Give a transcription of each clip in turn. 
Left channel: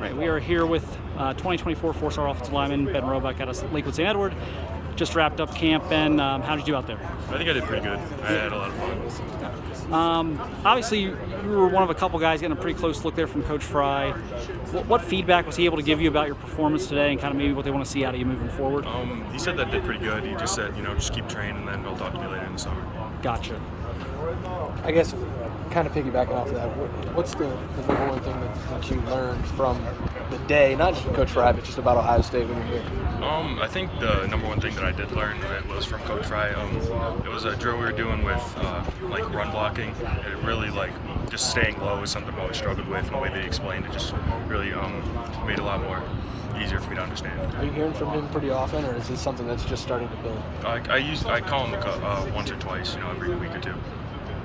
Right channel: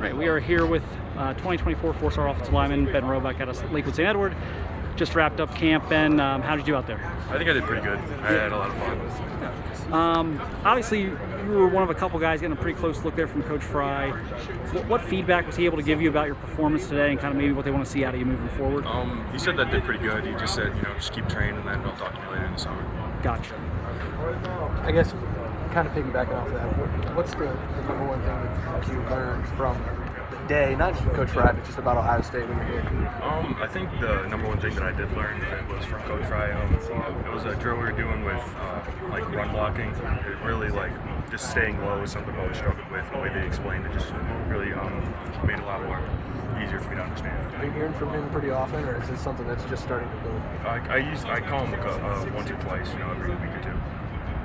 Right, we are here with 2024 four-star offensive lineman Ben Roebuck out of Lakewood St. Edward. Just wrapped up camp. Ben, how did you do out there? I think I did pretty good. I had a lot of fun. Obviously, you were one of a couple guys getting a pretty close look there from Coach Fry. What feedback was he able to give you about your performance today, and kind of maybe what they want to see out of you moving forward? He said that did pretty good. He just said, just keep training, and then they'll talk to me later in the summer. Gotcha. I guess, kind of piggybacking off of that, what's the number one thing that you learned from the day, not just from Coach Fry, but just about Ohio State when you're here? I think the number one thing that I did learn was from Coach Fry. It was a drill we were doing with run blocking. It really just staying low is something I've always struggled with. And the way they explained it just really made it a lot more easier for me to understand. Are you hearing from him pretty often, or is this something that's just starting to build? I call him once or twice, every week or two.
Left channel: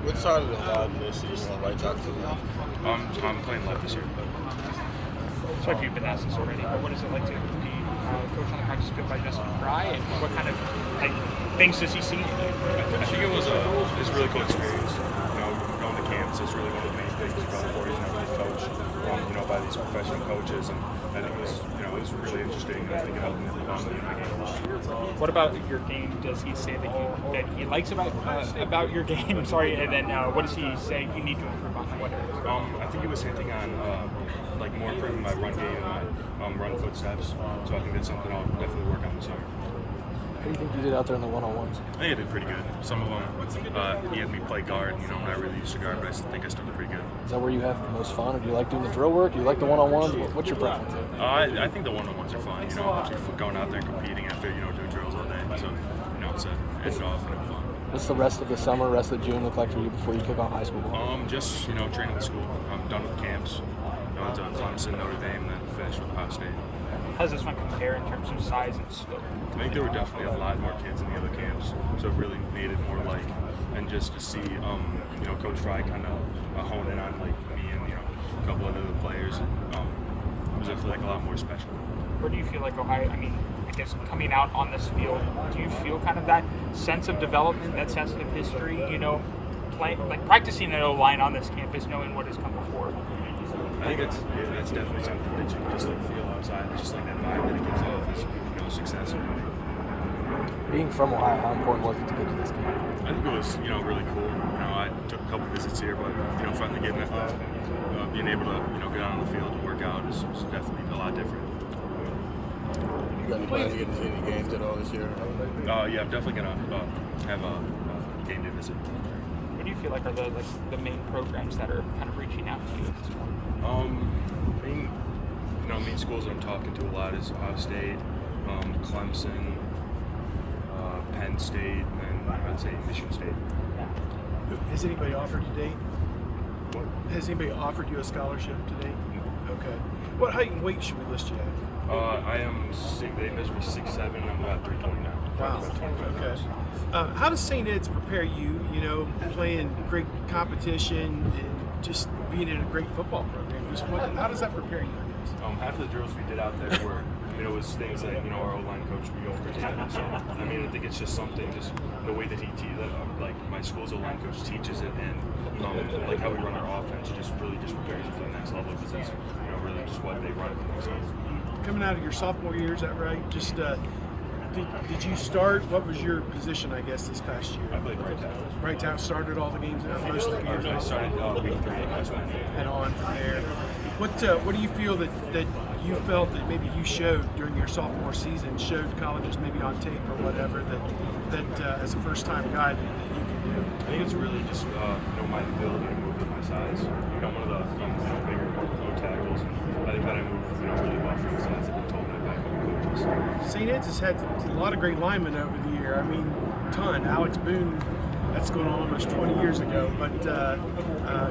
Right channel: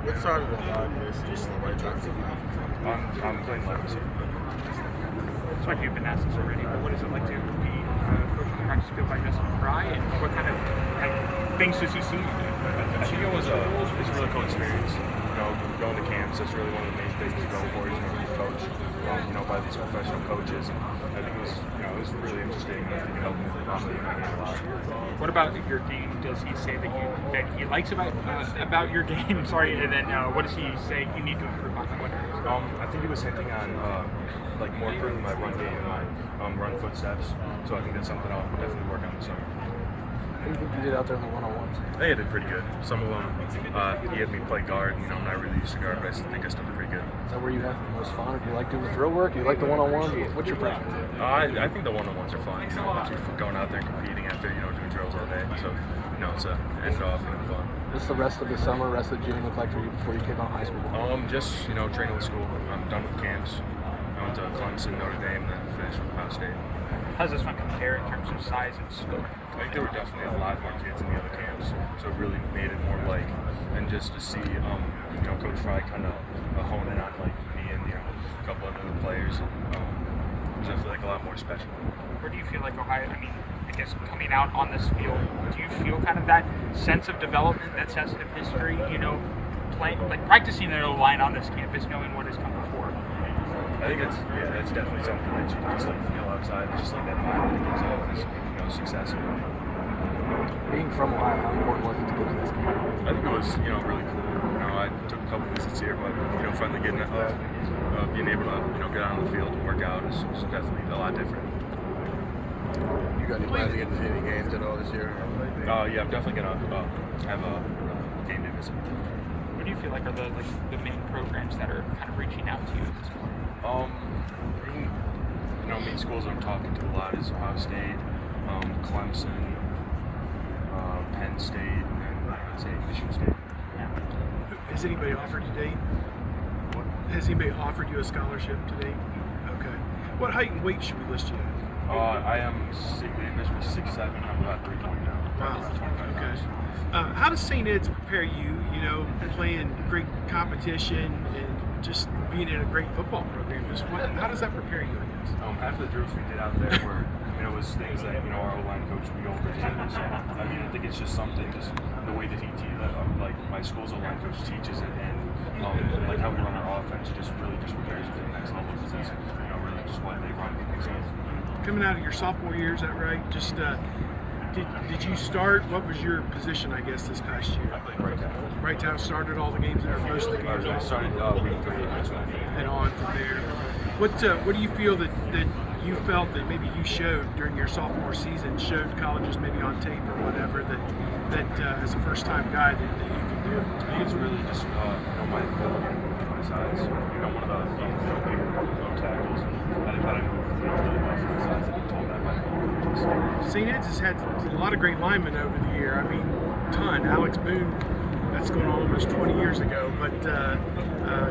What side of the ball do they see you on the right side of the ball? I'm playing left this year. Sorry if you've been asked this already, but what is it like to be coach on the practice field by Justin Fry, and what kind of things does he see? I think it's a really cool experience. Going to camps, that's really one of the main things you're going for. Be coached, by these professional coaches, and I think it was really interesting, and I think it helped me in my game a lot. What about your game? Does he say that he likes about your game? Sorry, and then what does he say you need to improve on? What areas? I think he was hinting on more improving my run game and my run footsteps. So I think that's something I'll definitely work on this summer. What do you think you did out there in the one-on-ones? I think I did pretty good. Some of them, he had me play guard. I'm not really used to guard, but I think I still did pretty good. Is that where you have the most fun? Or do you like doing the drill work? Do you like the one-on-ones? What's your preference? I think the one-on-ones are fun. Going out there and competing after doing drills all day. So it's end it off fun. What's the rest of the summer, rest of June look like for you before you kick off high school? Just training with school. I'm done with camps. I went to Clemson, Notre Dame, then finished with Ohio State. How does this one compare in terms of size and scope? I think there were definitely a lot more kids in the other camps, so it really made it more and just to see, Coach Fry kind of hone in on me and a couple other players. It was definitely a lot more special. Where do you feel like Ohio? I mean, I guess coming out on this field, do you feel kind of that sense of development, that sense of history? Practicing an O-line on this campus, knowing what has come before. I think that's definitely something that you can just feel outside, just that vibe that it gives off is success and winning. Being from Ohio, how important was it to go to this game? I think it was really cool. I took a couple visits here, but finally getting being able to get out on the field and work out is definitely a lot different. You got any plans to get to any games at all this year? Yeah, I'm definitely gonna have a game day visit. What do you feel like are the main programs that are kind of reaching out to you at this point? Main schools I'm talking to a lot is Ohio State, Clemson, Penn State, and I'd say Michigan State. Yeah. Has anybody offered you date? What? Has anybody offered you a scholarship to date? Okay. What height and weight should we list you at? I am they measure me 6'7", and I'm about 320 now. Probably about 25 Okay. pounds. How does St. Ed's prepare you, playing great competition and just being in a great football program? How does that prepare you, I guess? After the drills we did out there were, it was things that, our O-line coach would go over together. So, I think it's just something, just the way that he my school's O-line coach teaches it, and how we run our offense just really just prepares you for the next level, because it's, really just what they run at the next level. Coming out of your sophomore year, is that right? Just did you start? What was your position, I guess, this past year? I played right tackle. Right tackle, started all the games, or most of the games? I started week 3 against Penn. And on from there. What do you feel that you felt that maybe you showed during your sophomore season, showed colleges maybe on tape or whatever, that as a first-time guy that you can do? I think it's really just my ability to move at my size. I'm one of the bigger tackles, and I think that I move really well for my size. I've been told that by a couple of coaches. St. Ed's has had a lot of great linemen over the year. Ton. Alex Boone, that's going on almost 20 years ago, but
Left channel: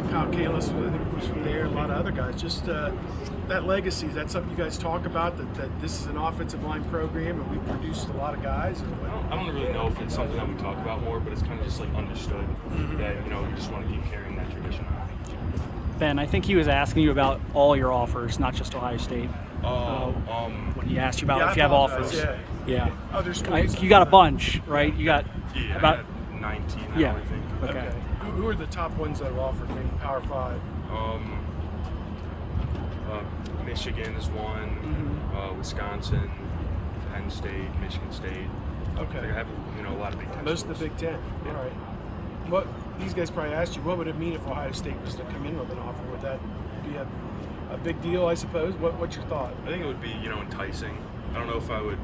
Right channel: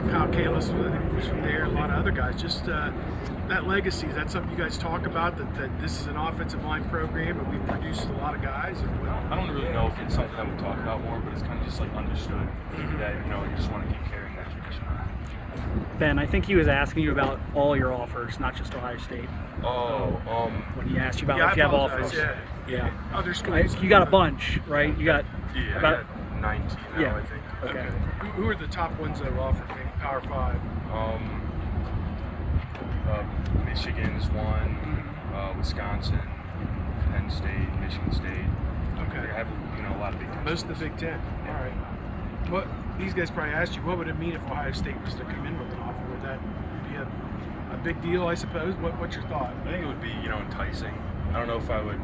Kyle Kalis was from there, a lot of other guys. Just that legacy, is that something you guys talk about, that this is an offensive line program and we've produced a lot of guys? I don't really know if it's something that we talk about more, but it's kind of just understood that you just want to keep carrying that tradition on. Ben, I think he was asking you about all your offers, not just Ohio State. When he asked you about if you have offers. Yeah. Other schools? You got a bunch, right? You got I about got 19 now, I think. Okay. Okay. Who are the top ones that are offered, maybe Power 5? Michigan is one, Wisconsin, Penn State, Michigan State. Okay. Like I have a lot of Big Ten. Most of the schools. Big Ten. Yeah. All right. What these guys probably asked you, what would it mean if Ohio State was to come in with an offer? Would that be a big deal, I suppose? What's your thought? I think it would be enticing. I don't know if I would.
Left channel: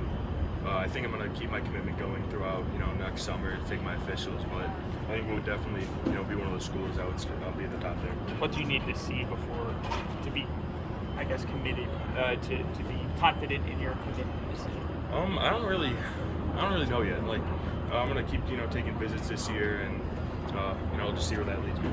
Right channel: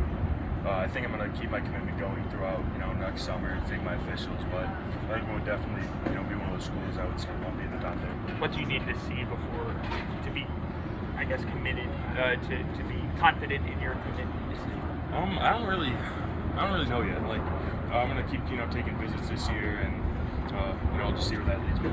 I think I'm going to keep my commitment going throughout next summer, take my officials, but I think it would definitely be one of those schools I'll be at the top there. What do you need to see before to be, I guess, committed to be confident in your commitment? I don't really know yet. Like I'm gonna keep taking visits this year, and I'll just see where that leads me.